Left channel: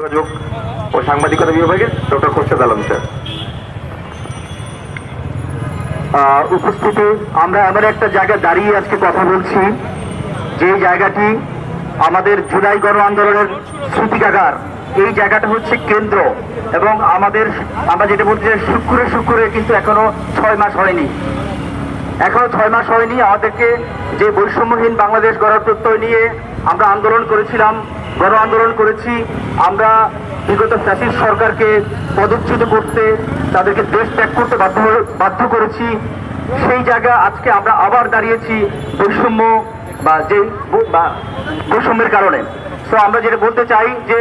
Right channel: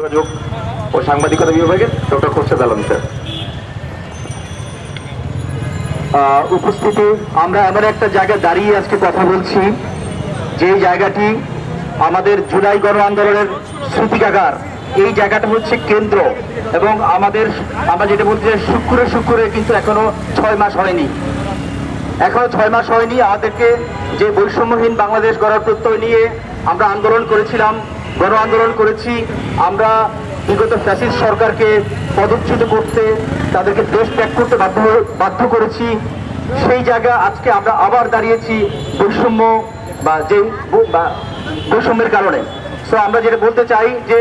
যোগাযোগ ও সাংবাদিকতা বিভাগের ডক্টর খোরশেদ আলম স্যার। উপস্থিতি আমরা এমন একটা জায়গায় দাঁড়িয়ে আজকে কথা বলছি, যে জায়গাটি আমাদের জুলাই গণ আন্দোলনের স্মৃতিকাগার। এই জায়গাটা হচ্ছে কেন্দ্র, এবং আমরা যেটা বলছি যে শুক্রে কিন্তু এখনো 6 মাস হয়নি। আমাদেরকে যে বৈষম্যহীন বাংলাদেশ গড়ার প্রত্যয় নিয়ে আমরা আন্দোলন করেছিলাম, গণ আন্দোলন করেছি। আমরা বিগত ফ্যাসিস্ট সরকারকে পদচ্যুত করতে, তাদেরকে দেশ ত্যাগ করতে বাধ্য করেছি। সেই জায়গা আজকে আমরা আবার দাঁড়িয়েছি বৈষম্যের কারণে। তো আমরা যেটা বলতে চাই যে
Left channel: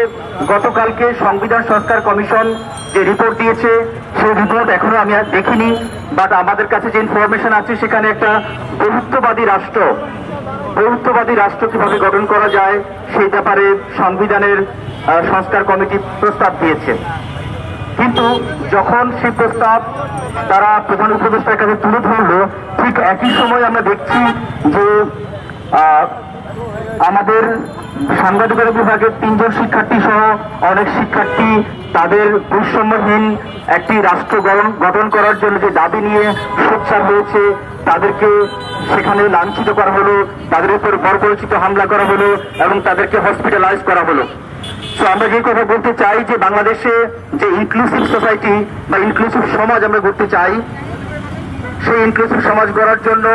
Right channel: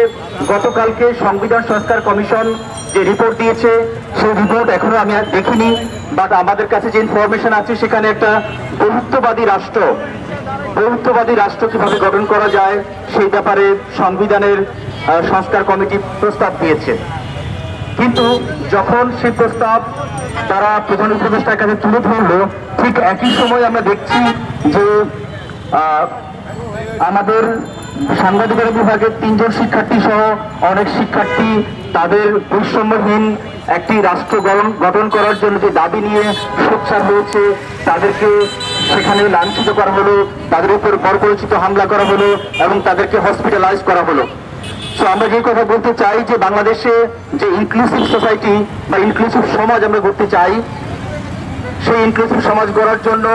গতকালকে সংবিধান সংস্কার কমিশন যে রিপোর্ট দিয়েছে, সেই রিপোর্ট এখনো আমি দেখিনি, বাট আমাদের কাছে যে ইনফরমেশন আছে সেখানে একটা বহুত্ববাদী রাষ্ট্র কিভাবে গঠন করা যায় সেই ব্যাপারে সংবিধানের সংস্কার কমিটি প্রস্তাব দিয়েছে। কিন্তু যখন সেই প্রস্তাব তারা প্রধান উপদেষ্টার কাছে তুলে ধরলো, ঠিক একই সময় আমরা দেখছি যে আমাদের সাংবাদিকতা বিভাগের 3 জন শিক্ষার্থী সহ অনেক শিক্ষার্থী তাদের বৈষম্যহীন একটি রাষ্ট্র গঠন করার জন্য যে দাবি নিয়ে সোচ্চার হয়েছে, তাদেরকে সেখানে লাঞ্ছিত করা হলো, তাদের উপর বর্বরোচিত হামলা করা হলো এবং তাদেরকে হসপিটালাইজ করা হলো। তো আমরা যে কথা বলতে চাই যে বাংলাদেশে যে ইনক্লুসিভ সোসাইটি বা ইনক্লুসিভ সমাজ আমরা করতে চাই, সেই ইনক্লুসিভ সমাজ গড়ার জন্য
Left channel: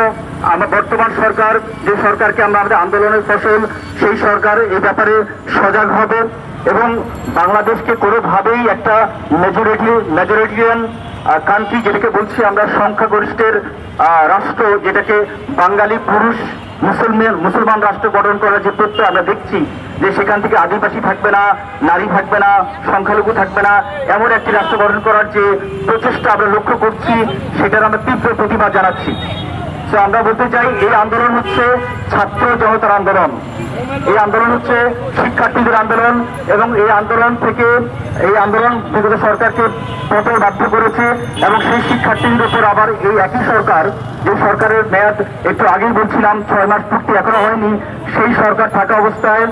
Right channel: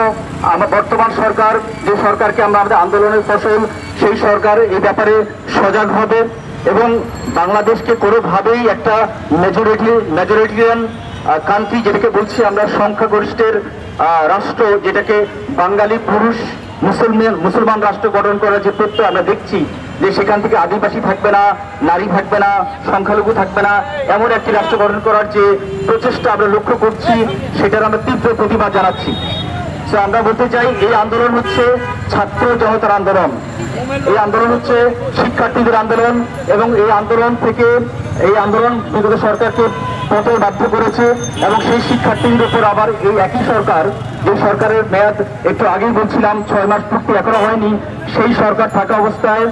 আমরা বর্তমান সরকার, যে সরকারকে আমরা আমাদের আন্দোলনের ফসল, সেই সরকার এই ব্যাপারে সজাগ হবে এবং বাংলাদেশকে কোনোভাবেই একটা মেজরিটিয়ান কান্ট্রি, যেটাকে বলছি আমরা সংখ্যাগরিষ্ঠের রাষ্ট্র, যেটাকে বাঙালি পুরুষ মুসলমান রাষ্ট্র গঠন করার যে প্রত্যয় আমরা দেখছি, যে সেখান থেকে আদিবাসী থাকবে না, নারী থাকবে না, সংখ্যালঘু থাকবে না, এমন একটি রাষ্ট্র গঠন করার যে প্রচেষ্টা আমরা লক্ষ্য করছি, সেটার আমরা তীব্র প্রতিবাদ জানাচ্ছি। তো আমরা বলতে চাই, এই আন্দোলন হচ্ছে ছাত্র জনতার আন্দোলন, এই আন্দোলন হচ্ছে শিক্ষার্থীদের আন্দোলন, এবং এই আন্দোলন বিগত সরকারকে পতন বাধ্য করেছে। এবং সেই শিক্ষার্থীদের উপর আবার এই একই সরকার, যে সরকারের মেয়াদ একটু আগেই বলছিলাম 6 মাস পূর্তি এখনো হয়নি, সেই সরকার থাকা অবস্থায়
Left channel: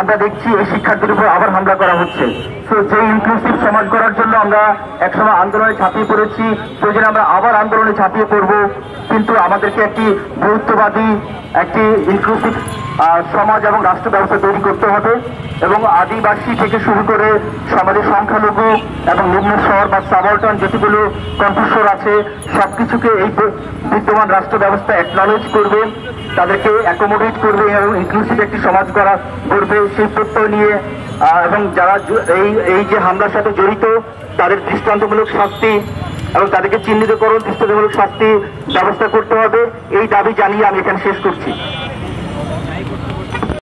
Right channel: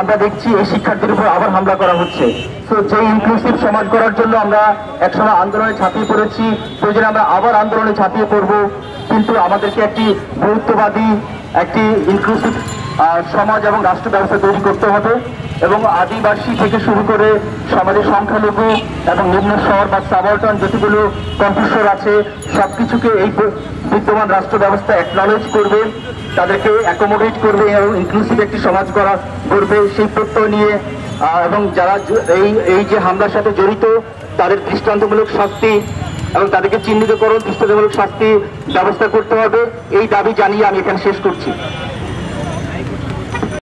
আমরা দেখছি এই শিক্ষার্থীর উপর আবার হামলা করা হচ্ছে। তো যে ইনক্লুসিভ সমাজ করার জন্য আমরা একসময় আন্দোলনে ঝাঁপিয়ে পড়েছি, প্রয়োজনে আমরা আবার আন্দোলনে ঝাঁপিয়ে পড়ব, কিন্তু আমাদেরকে একটি বহুত্ববাদী, একটি ইনক্লুসিভ সমাজ এবং রাষ্ট্র ব্যবস্থা তৈরি করতে হবে। এবং আদিবাসী থেকে শুরু করে সমাজের সংখ্যালঘু এবং নিম্ন শহর বা সাবঅর্ডিনেট যেগুলো কণ্ঠস্বর আছে, সবকিছুকে এই বিদ্যমান রাষ্ট্র ব্যবস্থা অ্যাকনলেজ করবে, তাদেরকে অ্যাকোমোডেট করবে এবং ইনক্লুসিভ একটি সমাজ গড়বে, সেই প্রত্যয় নিয়ে। এবং যারা এই যে হামলার সাথে জড়িত, তাদের দৃষ্টান্তমূলক শাস্তি এবং তাদেরকে চিহ্নিতকরণ, দৃষ্টান্তমূলক শাস্তি ব্যবস্থা করতে হবে, এই দাবি জানিয়ে আমি এখানে শেষ করছি।